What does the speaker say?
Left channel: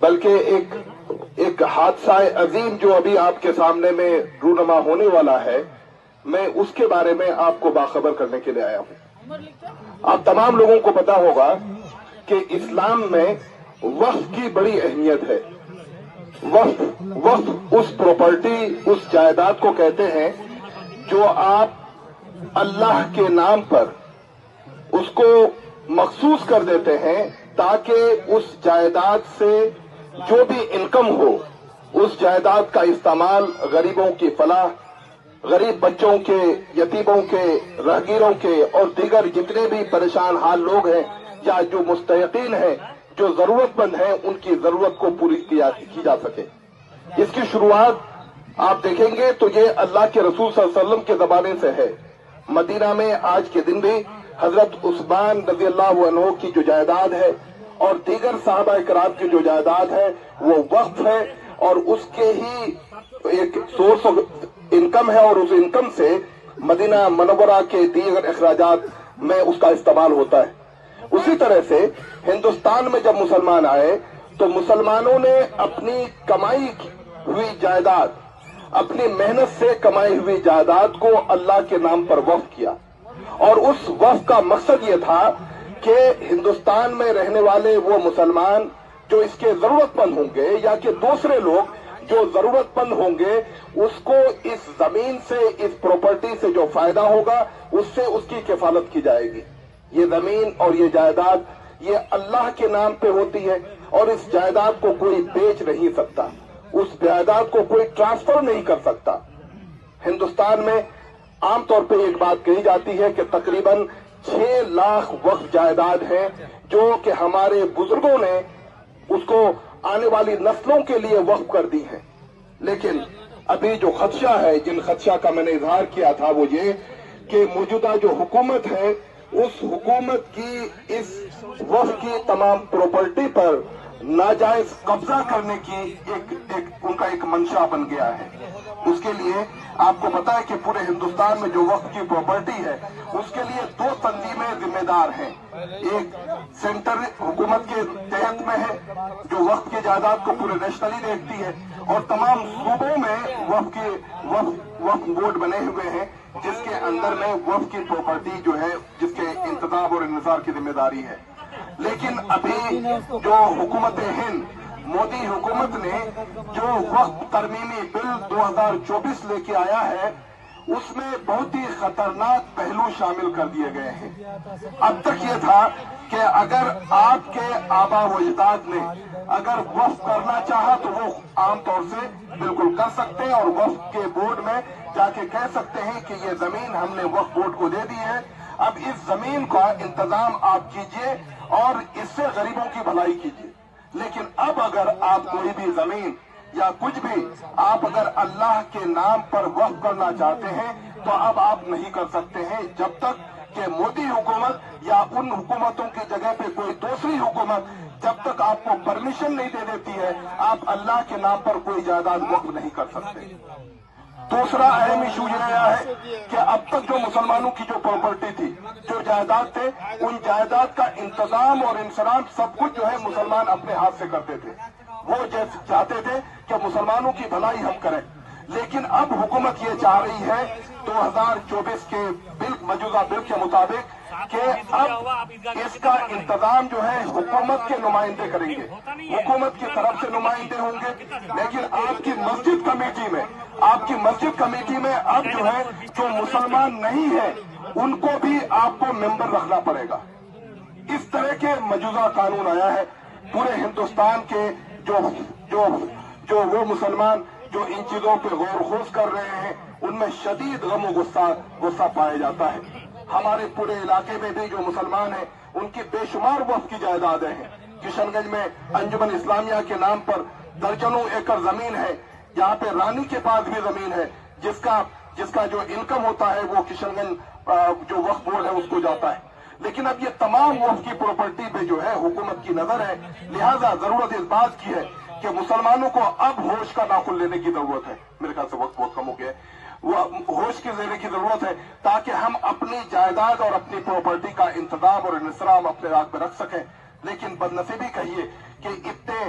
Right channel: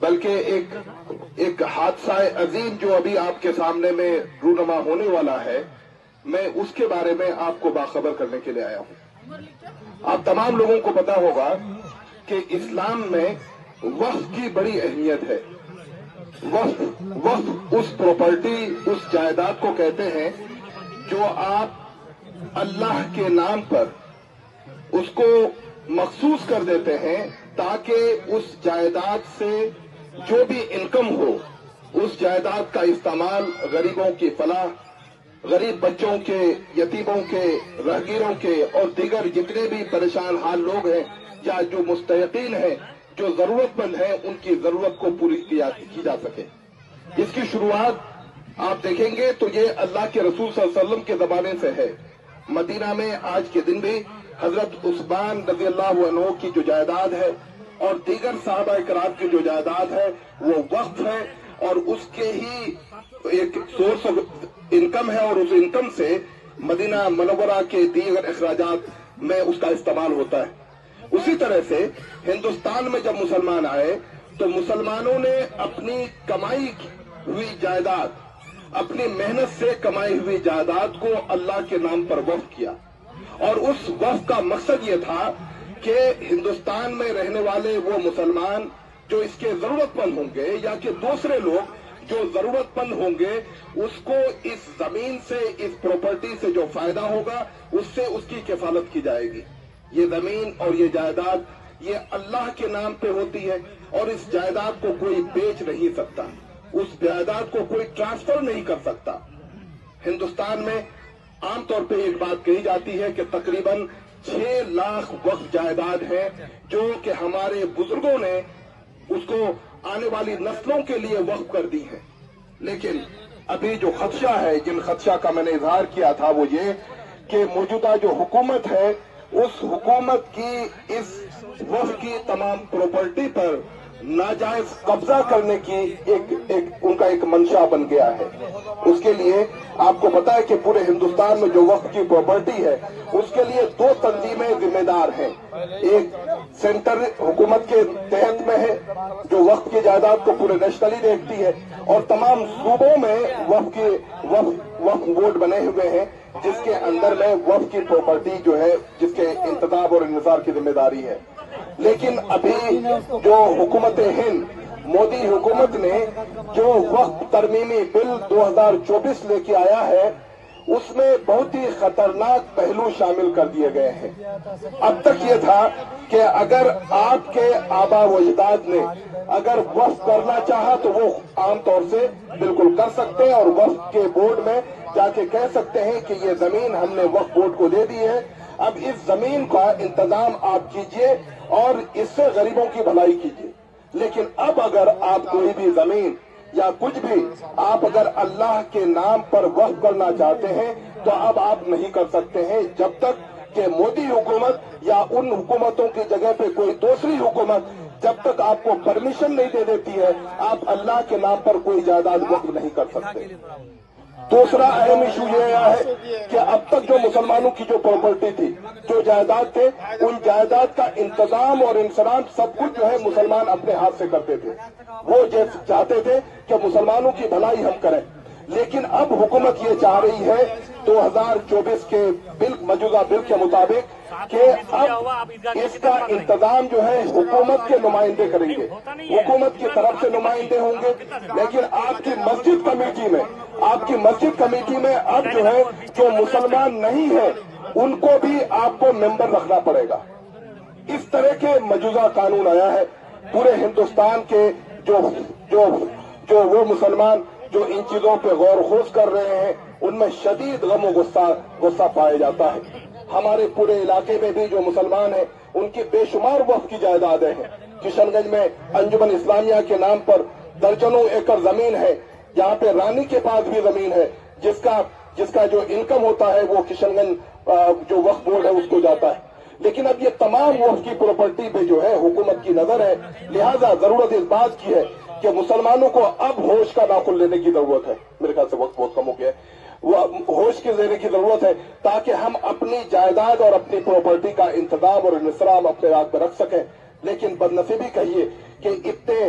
بلکہ ایک حادثہ عظیم جو ابھی آپ کے سامنے میں رونما ہونے والا ہے، میں اس کے بارے میں آپ کو باخبر کرنے کے لیے آیا ہوں۔ آپ تمام لوگوں کو پتا ہوگا کہ اسلام میں وقف کی بڑی اہمیت ہے۔ وقف اس پراپرٹی، اس جائیداد کو کہتے ہیں جو آپ اللہ کے نام پر اس کو مخصوص کر دیتے ہیں تاکہ اس جائیداد سے جو بھی انکم ہو اس جائیداد کا استعمال غریبوں کی فلاح، غریب بچوں کے، یتیموں کے، راہگیروں کے اور دیگر جتنے بھی پریشان حال لوگ ہیں یا جو مستحقین ہیں، جو ضرورت مند ہیں، ان کی ضرورت کو پوری کی جا سکے۔ اس کی شروعات آپ دیکھیں گے تو یہ اللہ کے رسول صلی اللہ علیہ وسلم کے زمانے سے ہے۔ مدینہ میں آج کے دن بھی حضرت عثمان رضی اللہ عنہ کی جو جائیداد ہے اور دیگر صحابہ کرام کی جو جائیداد ہے وہ وقف ہے، اور اس کے ہی ایک سورس آف انکم ہے، اور اس انکم سے مدینہ منورہ کے دیگر اخراجات میں اس کا استعمال ہوتا ہے۔ اسی طرح سے ہندوستان میں جب مسلمان آئے تو مسلمانوں نے اپنی کمائی ہوئی جائیداد، اپنی محنت سے کمائی ہوئی جائیداد کو اللہ کے نام پر وقف کیا، اور اس وقف کا مقصد یہ تھا کہ ہندوستان میں رہنے والے وہ مسلمان جو اس کے ضرورت مند ہوں گے یا کہ دوسرے لوگ جو ضرورت مند ہوں گے، اس کو اس زمین سے، اس پراپرٹی سے جو فائدہ ہوگا اس سے اس کی کفالت کی جائے گی۔ یہ زمین اور یہ جائیداد یہ اللہ کے نام پہ ہوتی ہے، اور اس جائیداد کو کوئی بیچ نہیں سکتا، اس جائیداد کو کوئی ٹرانسفر نہیں کر سکتا۔ ہندوستان میں عام طور پہ ایک بات کہی جاتی ہے کہ تقریباً 6 لاکھ وقف جائیداد ہے جو کہ ہمارے بزرگوں نے اس کو آنے والی نسلوں کے لیے وقف کر دی ہے۔ لیکن ابھی جو خدشہ ہے، جن خدشہ کا میں نے اظہار کیا تھا، وہ یہ کہ موجودہ جو حکومت ہے اس حکومت کی اس وقف کی تمام پراپرٹی پر ناجائز قبضہ کرنے کی ان کا ایک منشا بن گیا ہے۔ اس کے لیے آپ کو پتا ہے کہ پورے ہندوستان میں جو وقف کی پراپرٹی ہے اس کے لیے 2 تنظیمیں ذمہ دار ہیں۔ ایک سینٹر حکومت کے تحت میں ہے جو وقف کی جائیداد کو پورے نیشنلی دیکھتی ہے، اور تمام صوبوں میں وقف بورڈ بنے ہوئے ہیں جس کے اندر میں وقف کی پراپرٹی جو ہے جس کے انتخاب اور انحصار کی ذمہ داری ہے۔ لیکن ابھی جو حکومت ہند، مودی حکومت نے جو وقف ترمیمی بل 2024 لے کے آیا ہے اس میں بہت ہی خطرناک پہلو شامل کر دیے گئے ہیں۔ اب تک یہ تھا کہ اگر آپ کے آبا و اجداد نے اگر وقف کرنا چاہا تو وہ عام طور سے بالکل کر سکتے ہیں، اور وقف کے بورڈ میں جا کے کہہ سکتے ہیں کہ یہ زمین ہم نے وقف بورڈ کو دے دی ہے، اب اس زمین کا انتظام آپ کیجئے اور اس سے غریبوں کی بھلائی کیجئے۔ لیکن اب اگر آپ کوئی بھی زمین یا کچھ بھی آپ اگر اللہ کے نام پر وقف کرنا چاہتے ہیں تو اب آپ نہیں کر سکتے ہیں جب تک کہ مودی حکومت یا ان حکومتوں کی جگہ پہ کوئی دوسری حکومت جب تک آپ کو پرمیشن نہیں دے دیتی ہے آپ اللہ کے نام پر کوئی جائیداد وقف نہیں کر سکتے۔ دوسرا اہم ایشو یہ آیا ہے کہ اب تک جو مسلمانوں کی جو پراپرٹی تھی، جو جائیداد تھے، ان جائیداد کا انتظام اور انصرام سب کچھ جو ہے مسلمان اپنے ہاتھ سے کرتے تھے۔ وہ چاہتے تھے کہ مسلمانوں کی بھلائی ہم کریں، لیکن اب حکومت یہ چاہ رہی ہے 2024 کے موجودہ بل کے مطابق کہ اب اس کا انتظام جو ہے حکومت کے نمائندے کریں گے، حکومت کی طرف سے نمائندے ہوں گے، لیکن آپ کی مسجد کمیٹی میں اب جو ہے جو مسلمان نہیں ہے ان کو بھی آپ کو ممبر رکھنا پڑے گا۔ اس طرح کے مجوزہ قانون آیا ہے پورے ہندوستان کے جو وہ مسلمان جو ان چیزوں پہ غور و خوض کر رہے ہیں ان میں شدید غم و غصہ پایا جاتا ہے۔ ہمارے پورے علاقے میں بھی جو مسلمان ہیں ان کی بے شمار وقف کی جائیدادیں ہیں۔ کشن گنج میں انجمن اسلامیہ کے نام پر درجنوں ایکڑ زمین ہے، یہاں پہ رانی کے پاس بھی زمین ہے جس کا جو انکم ہوتا ہے وہ کشن گنج جو وقف بورڈ ہے اس کو جاتا ہے۔ لیکن اب یہ تمام وقف کی پراپرٹی پہ جو ہے حکومت کی نظر ہے، لہذا ضرورت اس بات کی ہے کہ مسلمانوں کو اب ہوش کا ناخن لینے کی ضرورت ہے۔ میرے خیال سے وقت بہت کم ہو گیا ہے، وہ ہوش کے لینے کی ضرورت ہے تاکہ ہم اپنی جائیداد اور اپنی پراپرٹی کا انتظام اور انصرام اپنے ہاتھ میں رکھ سکیں۔ لیکن بدنصیبی کہیے کہ اتنے